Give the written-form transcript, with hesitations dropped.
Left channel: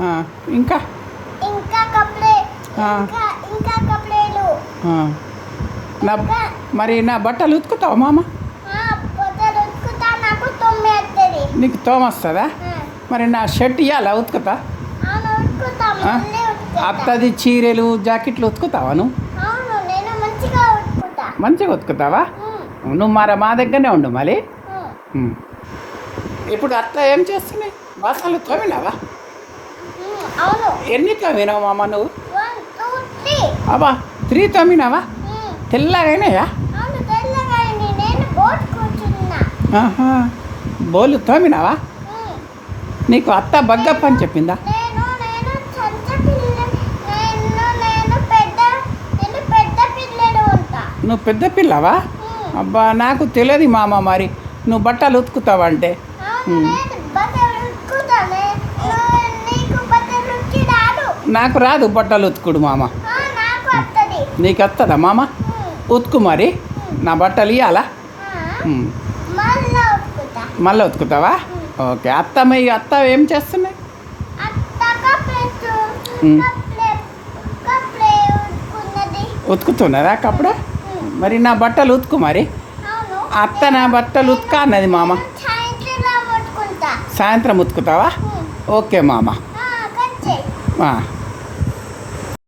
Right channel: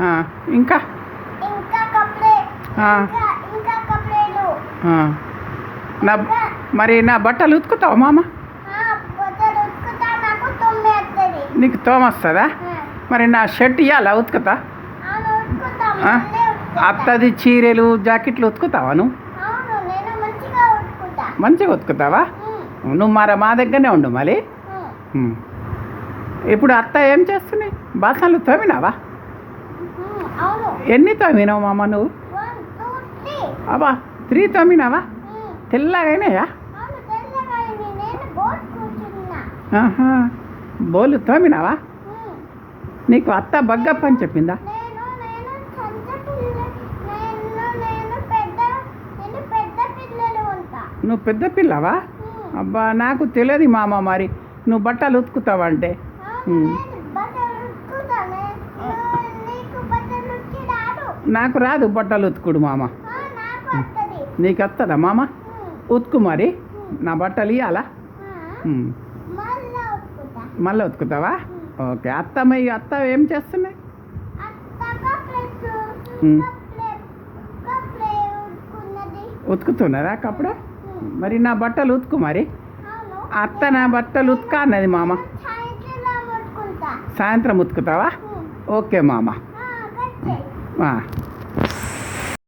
ఇంకా ఇంకా కప్లే ఆ, ఇంకా కప్లేలు ఆ. నా మరి నా బట్టలు ఉతుకుతావా మామ? బొట్టలు ఉతుకుతా నాకు తొమ్మిది వస్తుంది నీకు తోమొస్తుందా? మరి నా షర్ట్ ఇవ్వాలా ఉతుకుతా? అవును ఉతుకుతా ఆ? మళ్ళీ ఉతుకుతా అత్తది చీరలు జాకెట్లు ఉతుకుతావా నువ్వు? అవును నేను మంచిగా ఉతుకుతా మంచిగా ఉతుకుతావా? నువ్వు మా దగ్గరనే ఉండు మళ్ళీ. ఇప్పుడు అత్త ఏం చేస్తున్నాయి? బాసనలు తోమినావా? అవును ఎన్ని తోమినావు మామ నువ్వు? 1 2 3 అబ్బా 3 తోమినావా? తెల్లగైనాయా? అవును తెల్లగా అయింది నేను బోట్ కూర్చున్నా ఆహా, బోలు తోమినావా? నీకు అత్త బగ్గప్ప అని చెప్పిందా? నేను చంచ పిల్ల నేను పెద్ద పిల్లలు ఉంటా నువ్వు పెద్ద పిల్లవా? అబ్బా నాకు తెలియదు మామ. మరి నువ్వు బట్టలు ఉతుకుతావంటే. నేను బట్టలు ఉతుకుతానే నీకు బట్టలు ఉతికి రాదు నాకు రాదు బట్టలు ఉతుకుడు మామ. నాకు వస్తుంది నీకు వస్తుందా మామ? ఉతుకు మరి. నా బట్టలు ఇవ్వాలా? మళ్ళా ఉతుకుతా మళ్ళీ ఉతుకుతావా? ఓకే. అత్త ఏం చేస్తున్నాయి? అత్త కప్లెట్టు కప్లే ఉతుకున్నది ఉతుకుతున్నదా కప్పుడే? మరి నా బట్టలు ఉతుకు మరి. అవును అత్త నా బట్టలు ఉతుక అన్నది మామ. సాయంత్రం ఉతుకుంటా సాయంత్రం ఉతుకుతావా? ఓకే మామ. కంచే ఆ.